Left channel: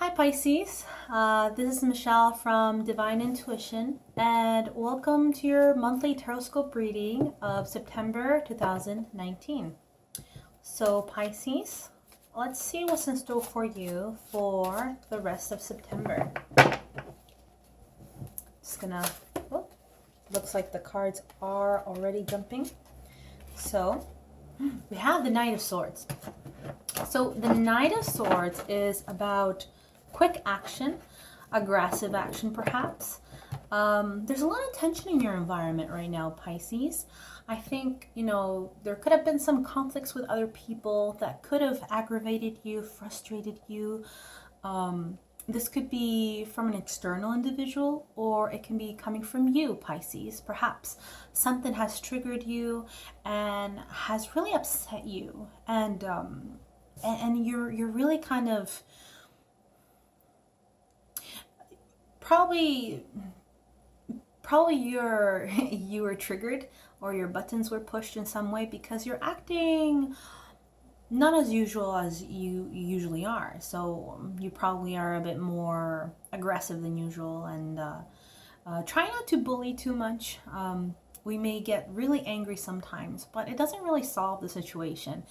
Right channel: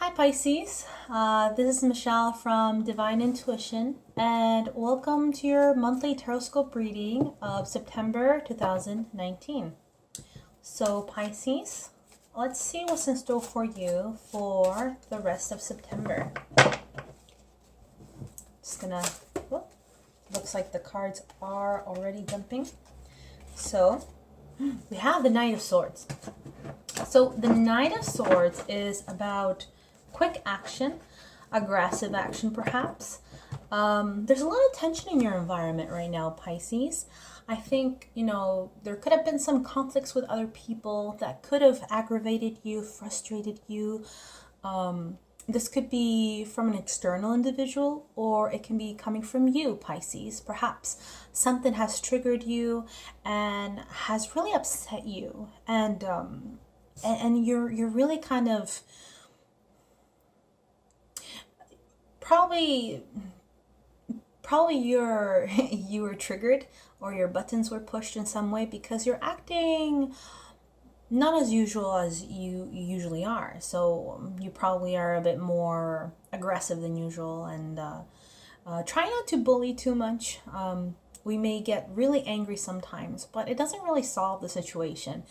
Hi Pisces, this is Michelle from Divine Intuition and welcome to your monthly Taroscope reading of September 2019. So Pisces, let's see what's in store for you for the rest of September. Just gonna, looks like the cards are already jumping. So we have the Knight of Swords. So the Knight of Swords is about quick action, aggressive action perhaps. There's a lot of tension in your environment right now, Pisces. I think, there could have been some conflicts with other people that could have aggravated you, frustrated you. This could be from an external individual or it can be coming from you, Pisces. Perhaps something has triggered you and has really upset you, and you're really kind of probably you were triggered or your buttons were pushed in some way because you're acting not as usual as you usually are. So you probably are a bit more aggressive than usual, and try not to bully too much. We may get really angry sometimes, but it doesn't really solve the situation.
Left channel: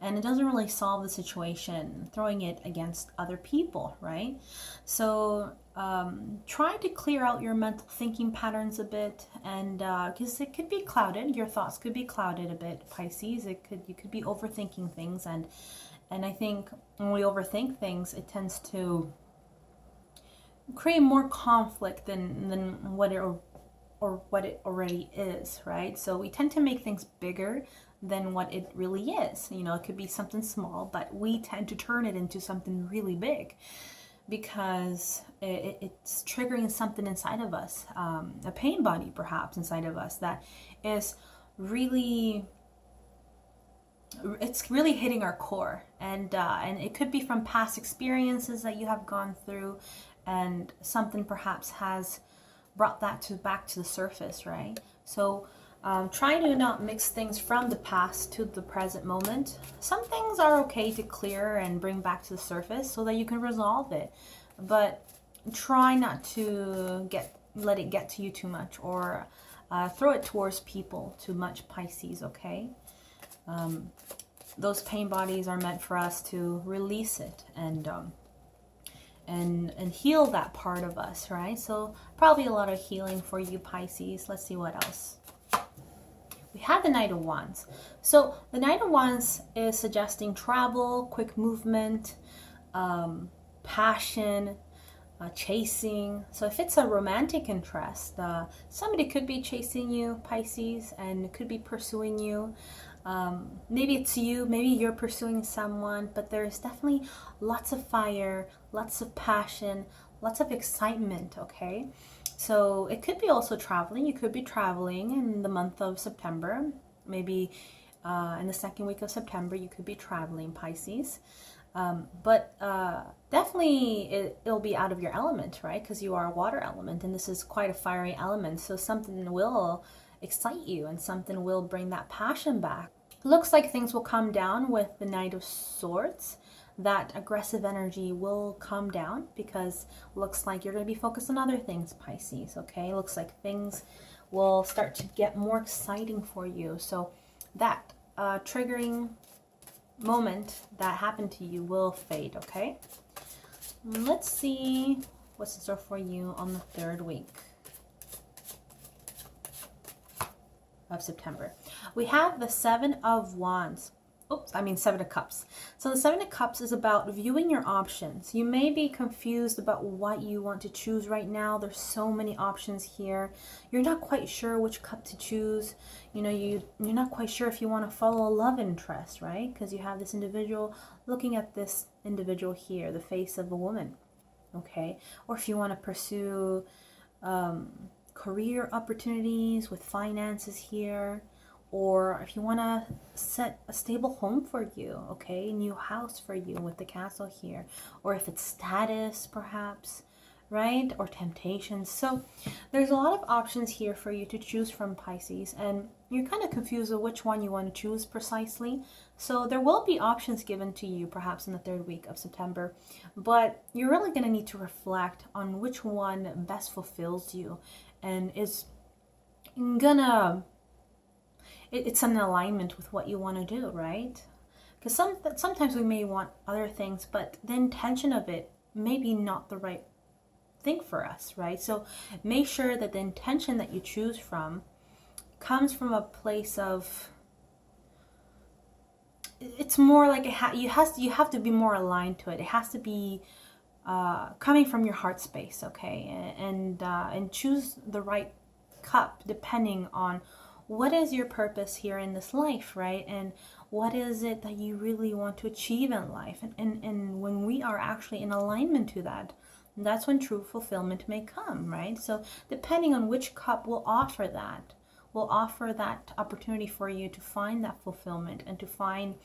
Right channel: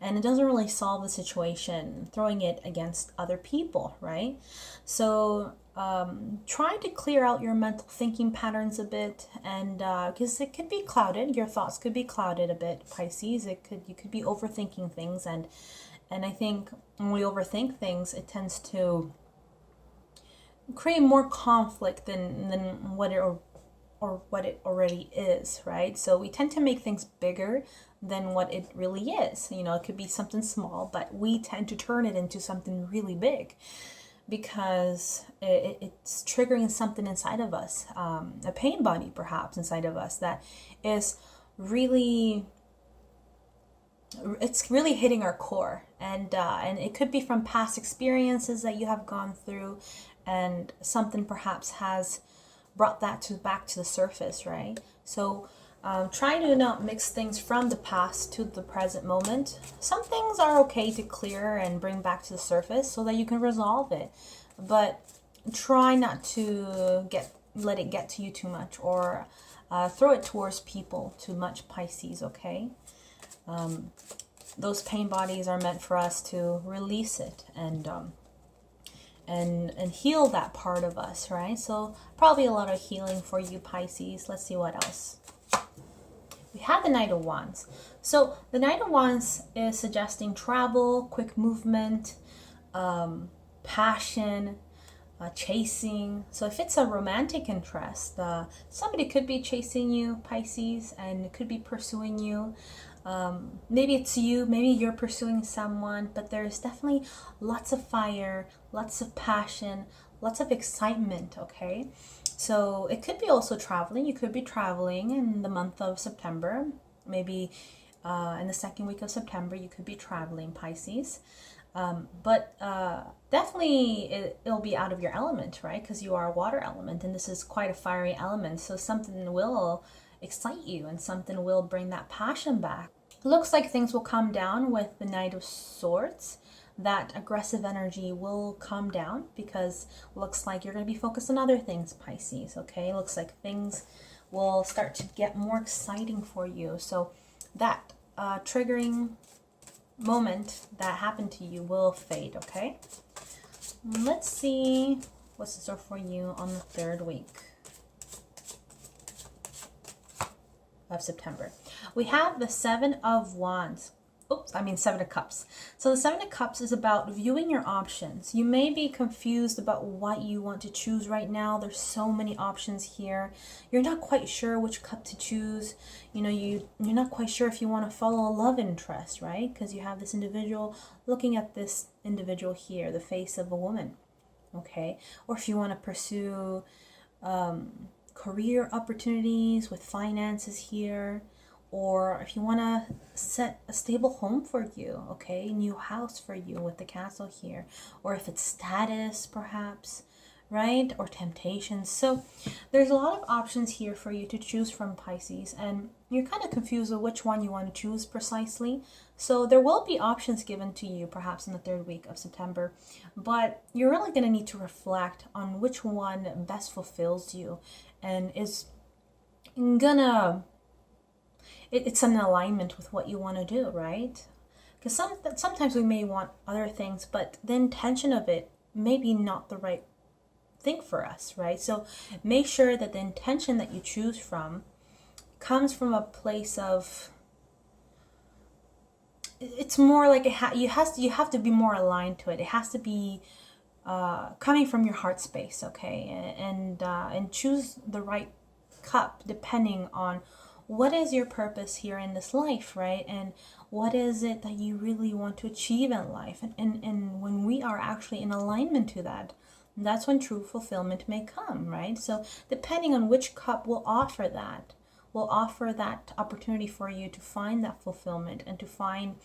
And it doesn't really solve the situation throwing it against other people, right? So try to clear out your mental thinking patterns a bit, and because it could be clouded, your thoughts could be clouded a bit, Pisces. You could be overthinking things, and I think when we overthink things, it tends to create more conflict than what it already is, right? So we tend to make things bigger than what it really is. It could be something small, but we tend to turn it into something really big because it's triggering something inside of us, a pain body perhaps inside of us that is really, it's really hitting our core, and it could be from past experiences that you have gone through, and something perhaps has brought that back to the surface, right? So try to not mix things from the past to the present moment. Some things are okay to clear and bring back to the surface so that you can resolve it, but try not to let it get to you too much, or throw it towards people too much, Pisces, okay? Those pain bodies are meant for us to release it and heal that part of us, right? So probably a lot of healing for you, Pisces. Let's see what else. We have the Knight of Wands. So the Knight of Wands is suggesting travel, quick movement, passion, chasing. So if it's a romantic interest, somebody could be chasing you, Pisces, and could be pursuing you. Maybe it's you, maybe you're pursuing someone, but there's definitely lots of fire, lots of passion, lots of excitement, okay? So it could be also traveling. You could be traveling in the month of September. Maybe in the second week of September, you could be traveling, Pisces. But definitely it'll be out of your element, right? Because you are a water element, and this is quite a fiery element. So something will excite you and something will bring that passion back. Looks like things will calm down with the Knight of Swords. That aggressive energy will calm down because looks like you're going to be focused on other things, Pisces, okay? Looks like things will start to get more exciting for you. So that triggering moment that happened to you will fade, okay? Let's see what's in store for you on the third week of September. We have the Seven of Wands. Seven of Cups. So the Seven of Cups is about viewing your options. You may be confused about what you want to choose right now. There's so many options here. You're not quite sure which cup to choose. You're not quite sure if you want to follow a love interest, right? Because you have this individual looking at this individual here, the face of a woman, okay? Or if you want to pursue career opportunities with finances here, or if you want to set a stable home for you, okay, a new house for you with the castle here, or if it's status perhaps, right, or temptations. So there's a lot of options here for you to choose from, Pisces, and you're kind of confused with which one you want to choose precisely. So there will be options given to you perhaps in the third week of September, but you're really going to need to reflect on which one best fulfills you and is gonna, it's in alignment with what you want to do, right? Because sometimes we may want other things, but the intention of it may be not the right thing for us, right? So make sure that the intention that you choose from comes from a place of, it's more like you have to be more aligned to it. It has to be coming from your heart space, okay? And choose the right cup depending on what is your purpose here in this life, right? And what is it that you really want to achieve in life? And when we are actually in alignment to that, that's when true fulfillment may come, right? So depending on which cup will offer that opportunity for you to find that fulfillment and to find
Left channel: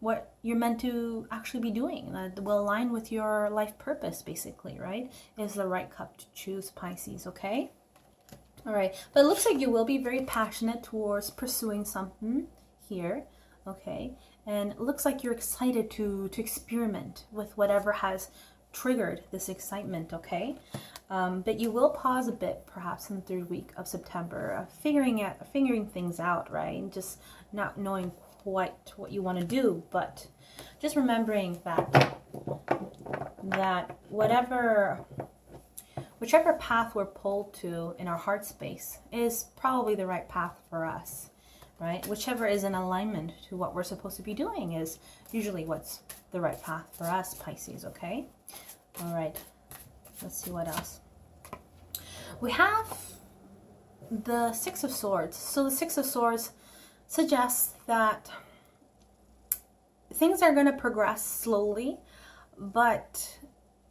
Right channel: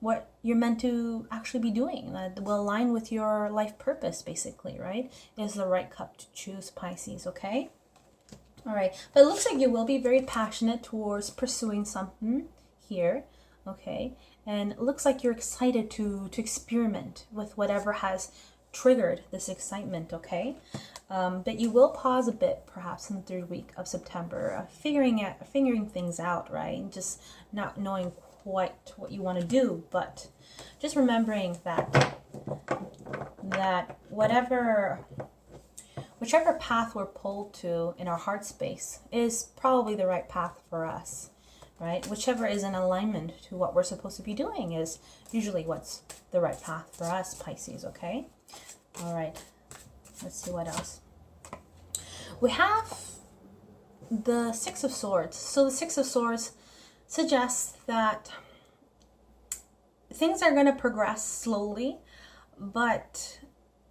what you're meant to actually be doing that will align with your life purpose, basically, right? Is the right cup to choose, Pisces, okay? All right, but it looks like you will be very passionate towards pursuing something here, okay? And it looks like you're excited to experiment with whatever has triggered this excitement, okay? But you will pause a bit, perhaps in the third week of September, figuring things out, right? And just not knowing quite what you want to do, but just remembering that whichever path we're pulled to in our heart space is probably the right path for us, right? Whichever is in alignment to what we're supposed to be doing is usually what's the right path for us, Pisces, okay? All right, let's see what else. We have the Six of Swords. So the Six of Swords suggests that things are going to progress slowly, but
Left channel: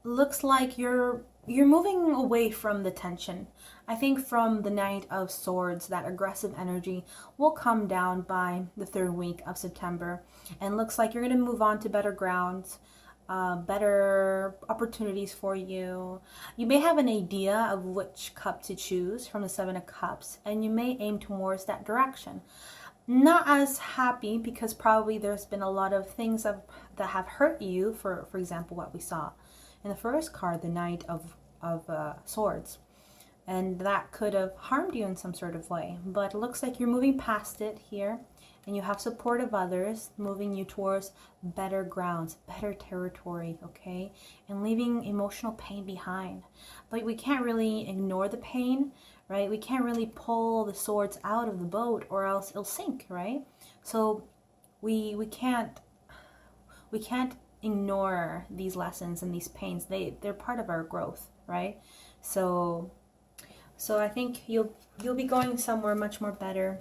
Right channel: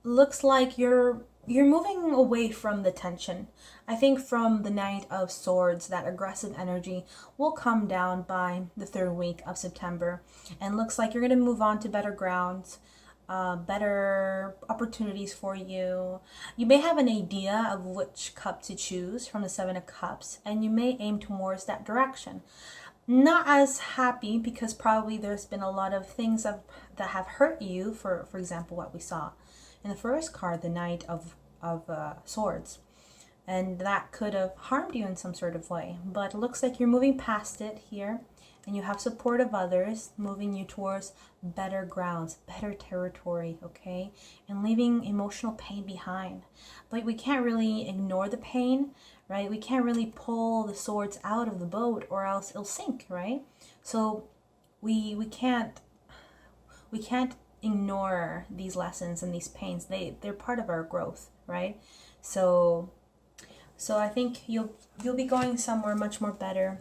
looks like you're moving away from the tension. I think from the Knight of Swords, that aggressive energy will come down by the third week of September, and looks like you're going to move on to better grounds, better opportunities for you. You may have an idea of which cup to choose from the Seven of Cups, and you may aim towards that direction. Not as happy because probably there's been a lot of things that have hurt you. For example, what we saw in the first card, the Knight of Swords, and that could have harmed you in some sort of way. But it looks like you're moving past it here, and you have support of others moving you towards better grounds, better territory, okay? And leaving emotional pain behind. But we can't really ignore the pain, right? We can't really pull the swords out of the boat or else it'll sink, right? So we can't ignore these lessons and these pains. They're part of our growth, right? So I think you'll be going somewhere much more better.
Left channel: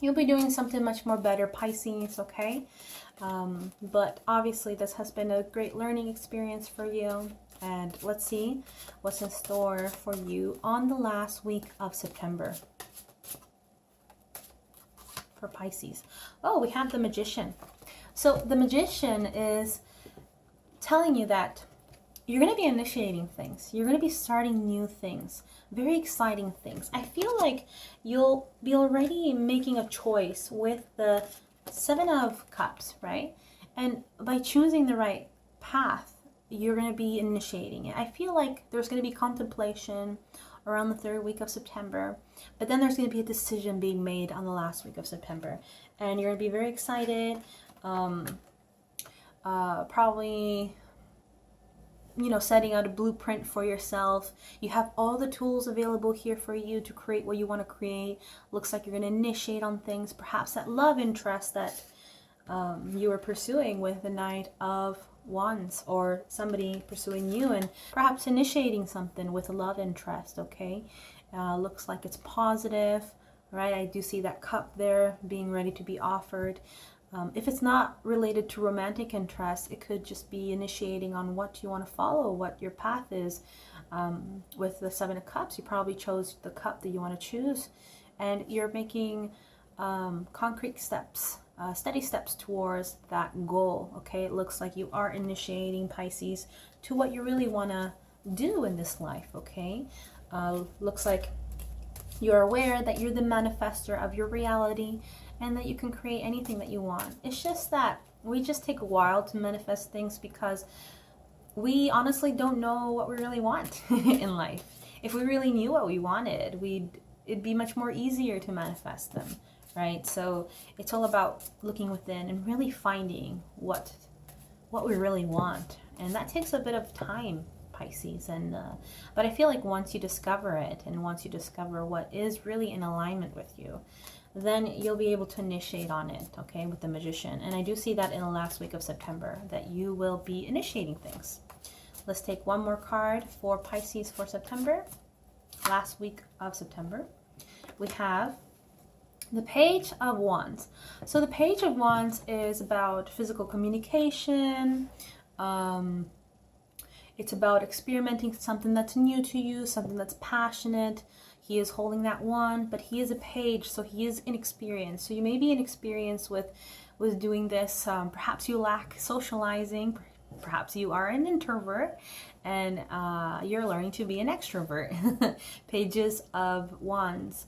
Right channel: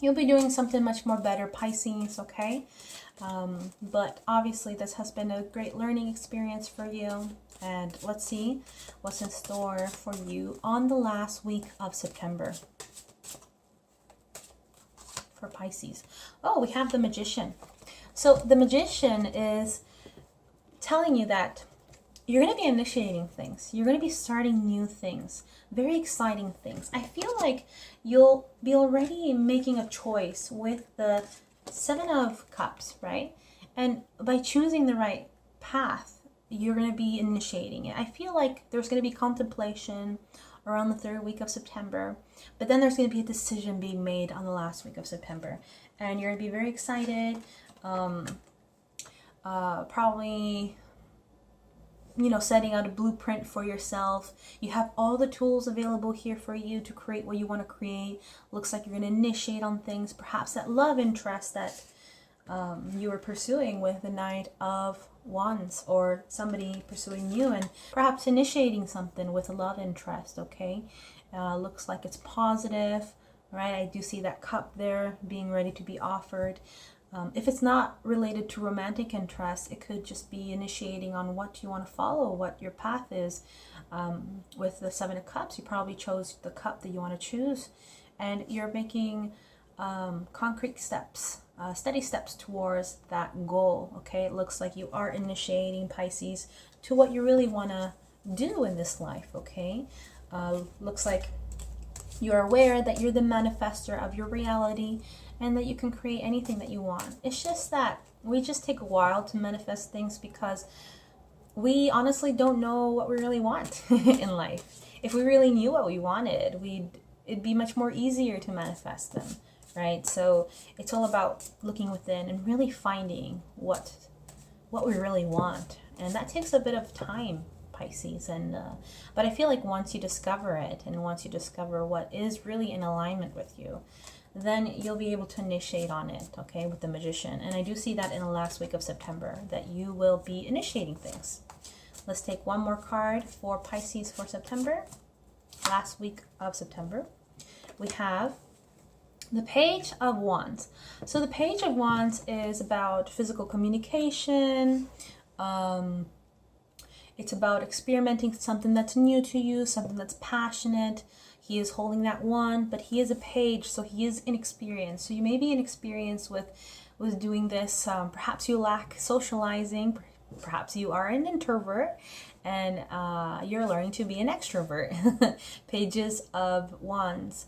You'll be doing something much more better, Pisces, okay? But obviously this has been a great learning experience for you. And let's see what's in store for you on the last week of September for Pisces. Oh, we have the Magician. So the Magician is telling you that you're going to be initiating things. You're going to be starting new things, very exciting things. I feel like you'll be already making a choice with the Seven of Cups, right? And by choosing the right path, you're going to be initiating it. I feel like there's going to be contemplation around the third week of September, but then there's going to be a decision being made on the last week of September, and you're going to be very excited. Probably, you know, setting out a blueprint for yourself. You have all the tools available here for you to create what you want to create. Looks like you're going to initiate on things, perhaps that love interest that you were pursuing with the Knight of Wands, or somebody pursuing you and perhaps initiating something with a love interest, okay? Looks like it's positive, right? I do see that cup there being ready to be offered. If it's not related to romantic interest, it could just be initiating on what you want to follow, what your path is. With the Seven of Cups, you probably chose the cup that you want to choose, and you're making concrete steps, steady steps towards that goal, okay? It looks like you are initiating, Pisces, to what you really want to do in this life, okay? Looks like You're aware that you're the manifester of your reality and that you can create anything that you want. It's just that we just take a while to manifest things because we honestly don't know what we really want in life. If we really knew what we wanted, it'd be much more easier to manifest them, right? So it's all about looking within and really finding what we really want. And that takes a bit of time, Pisces. But I feel like once you discover it, and once you discover what is really in alignment with you, then you'll be able to initiate on it, okay, with the Magician. And I do see that in the last week of September, that you will be initiating things. Let's take one more card for Pisces for September. Last week of September, we have the Page of Wands. So the Page of Wands is about physical communication. It's about experimenting something that's new to you, something that's passionate. He is holding that wand, but he is a page, so he is inexperienced. So you may be inexperienced with doing this. Perhaps you lack socializing. Perhaps you are an introvert and you're learning to be an extrovert. Pages of Wands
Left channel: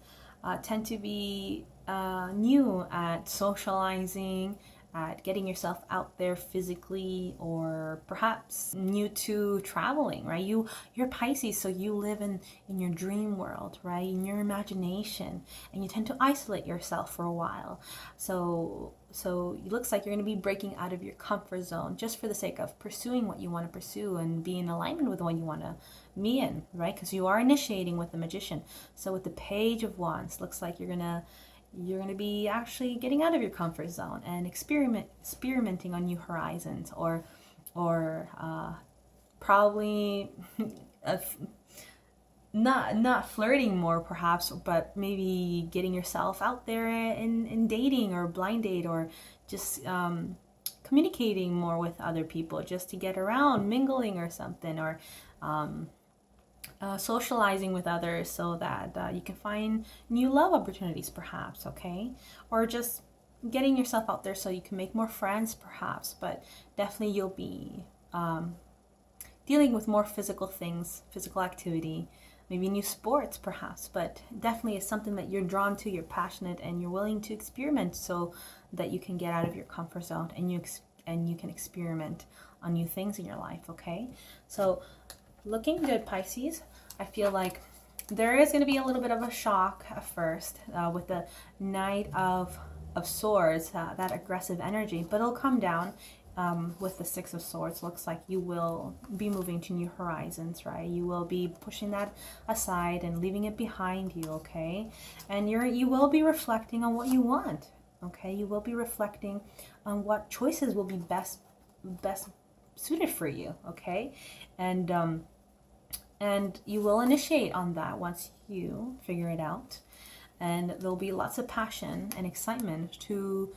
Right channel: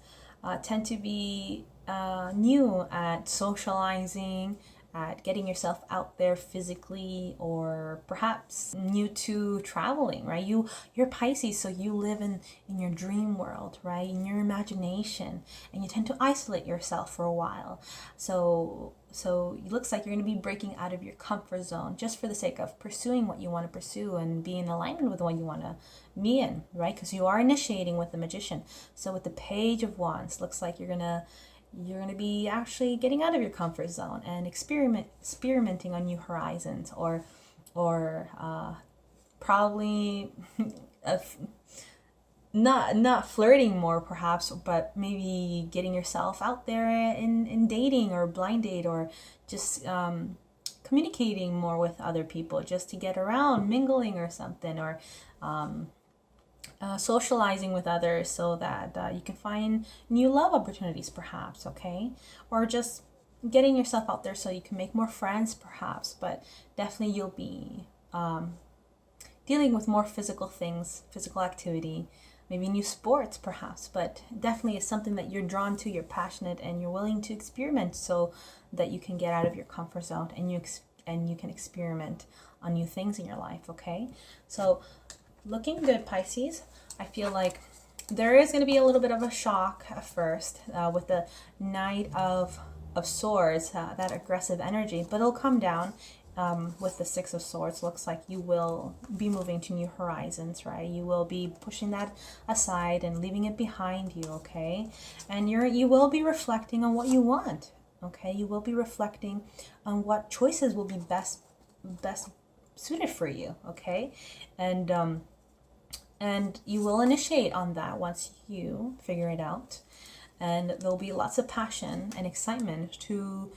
tend to be new at socializing, at getting yourself out there physically, or perhaps new to traveling, right? You're Pisces, so you live in your dream world, right? In your imagination, and you tend to isolate yourself for a while. So it looks like you're going to be breaking out of your comfort zone just for the sake of pursuing what you want to pursue and be in alignment with what you want to be in, right? Because you are initiating with the Magician. So with the Page of Wands, looks like you're going to be actually getting out of your comfort zone and experimenting on new horizons, or probably not flirting more perhaps, but maybe getting yourself out there in dating or blind date, or just communicating more with other people just to get around, mingling or something, or socializing with others so that you can find new love opportunities perhaps, okay? Or just getting yourself out there so you can make more friends perhaps, but definitely you'll be dealing with more physical things, physical activity, maybe new sports perhaps, but definitely it's something that you're drawn to, you're passionate, and you're willing to experiment so that you can get out of your comfort zone and you can experiment on new things in your life, okay? So looking good, Pisces. I feel like there is going to be a little bit of a shock at first with the Knight of Swords, that aggressive energy, but it'll come down with the Six of Swords. Looks like you will be moving to new horizons, right? You will be pushing that aside and leaving it behind you, okay? And you will be reflecting on what you want, okay? You will be reflecting on what choices will be best suited for you, okay? And you will initiate on that once you figure it out. And there'll be lots of passion and excitement to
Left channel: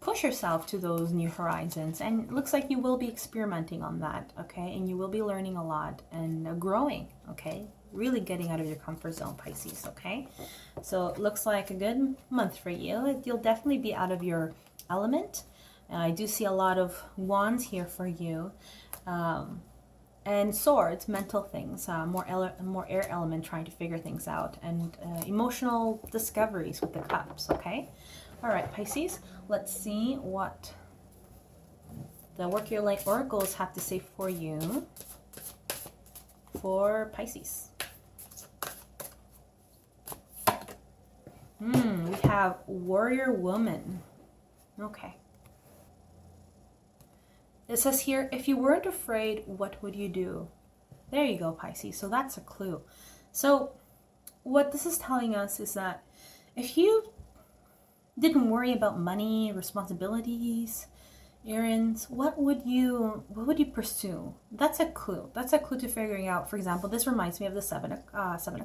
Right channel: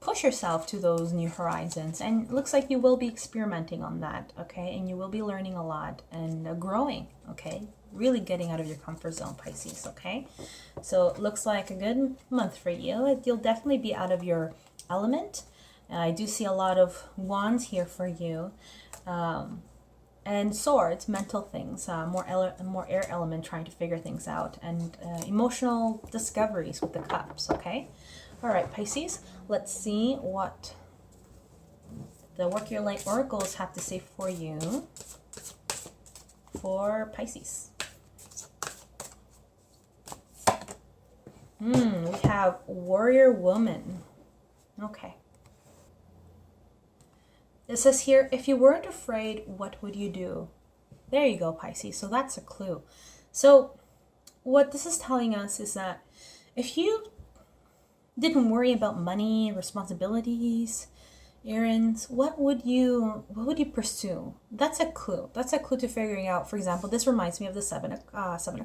push yourself to those new horizons. And it looks like you will be experimenting on that, okay? And you will be learning a lot and growing, okay? Really getting out of your comfort zone, Pisces, okay? So it looks like a good month for you. You'll definitely be out of your element. I do see a lot of wands here for you. And swords, mental things, more air element, trying to figure things out, and emotional discoveries with the cups, okay? All right, Pisces, let's see what the Work Your Light oracles have to say for you for Pisces. We have Warrior Woman. Okay. It says here, if you weren't afraid, what would you do? There you go, Pisces. So that's a clue. So what this is telling us is that if you didn't worry about money, responsibilities, errands, what would you pursue? That's a clue. That's a clue to figuring out. For example, this reminds me of the Seven of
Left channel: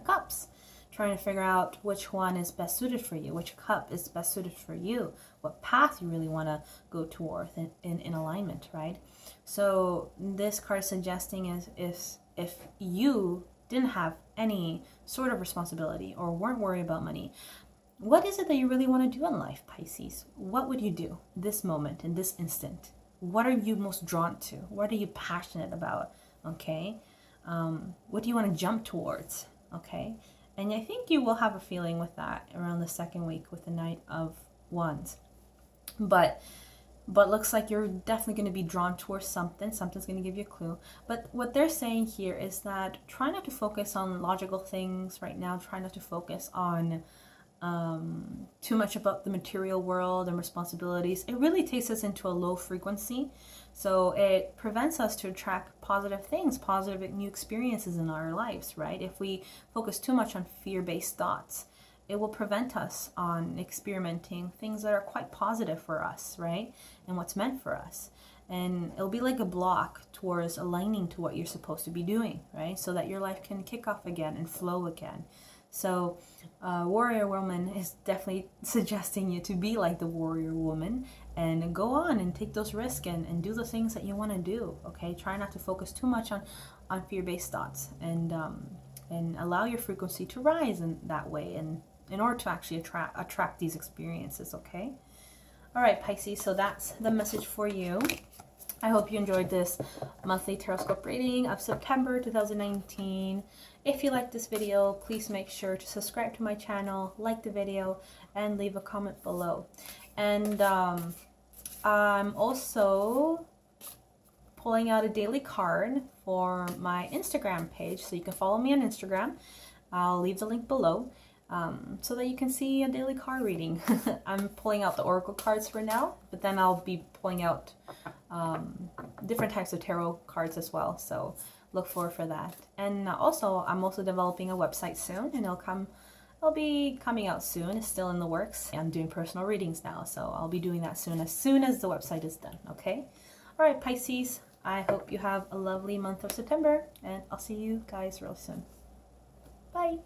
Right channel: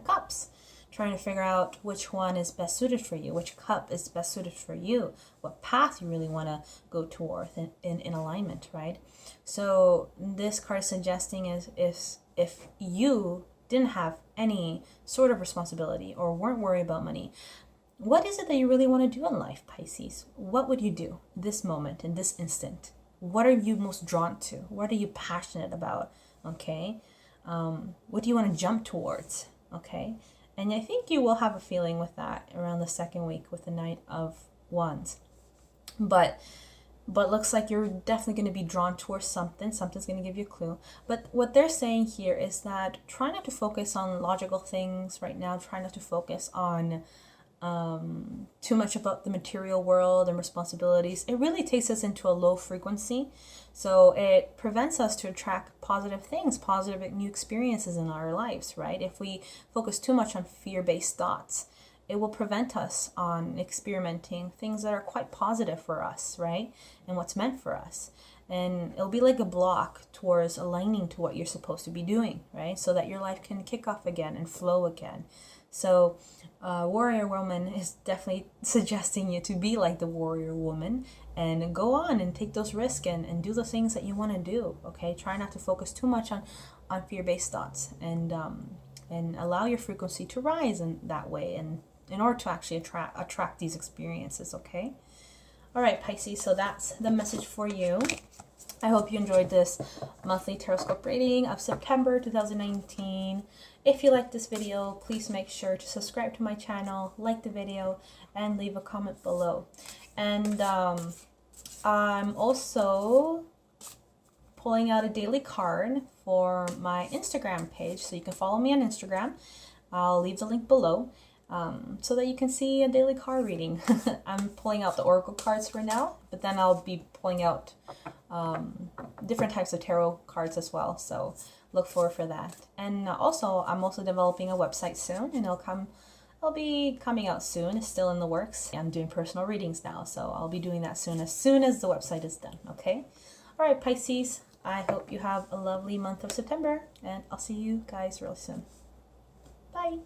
Cups. Trying to figure out which one is best suited for you, which cup is best suited for you, what path you really want to go towards in alignment, right? So this card suggesting is if you didn't have any sort of responsibility or weren't worried about money, what is it that you really want to do in life, Pisces? What would you do this moment, in this instant? What are you most drawn to? What are you passionate about, okay? What do you want to jump towards, okay? And I think you will have a feeling with that around the second week with the Knight of Wands. But looks like you're definitely going to be drawn towards something. Something's going to give you a clue. But what they're saying here is that try not to focus on logical things right now. Try not to focus on too much about the material world and responsibilities. It really takes us into a low frequency. So it prevents us to attract positive things, positive new experiences in our lives, right? If we focus too much on fear-based thoughts, it will prevent us on experimenting things that are quite positive for us, right? And what's meant for us. And it'll be like a block towards aligning to what you're supposed to be doing, right? So that your life can kick off again and flow again. So warrior woman is definitely suggesting you to be like the warrior woman and go on and take those risks and do the things that you want to do, okay? Try not to focus too much on fear-based thoughts, and allow your frequency to rise in that way, and in order to actually attract these experiences, okay? All right, Pisces, so that's the message for you. I hope you enjoyed this monthly Taroscope reading of September 2019. If you like this video, please make sure to subscribe to my channel, like the video, and leave a comment below. And I'm also pulling out a daily card for my Instagram page, so you can follow me on Instagram. I'll leave the link below. So that you can see a daily card reading. I'm pulling out the oracle cards for now, but then I'll be pulling out different types of tarot cards as well. So look forward for that. And also, I'm also developing a website soon, and it'll be coming out soon. It's still in the works. I'm doing personal readings now, so I'll be doing that soon as the website is done. Okay. All right, Pisces. I hope you have a lovely month of September, and I'll see you guys real soon. Bye.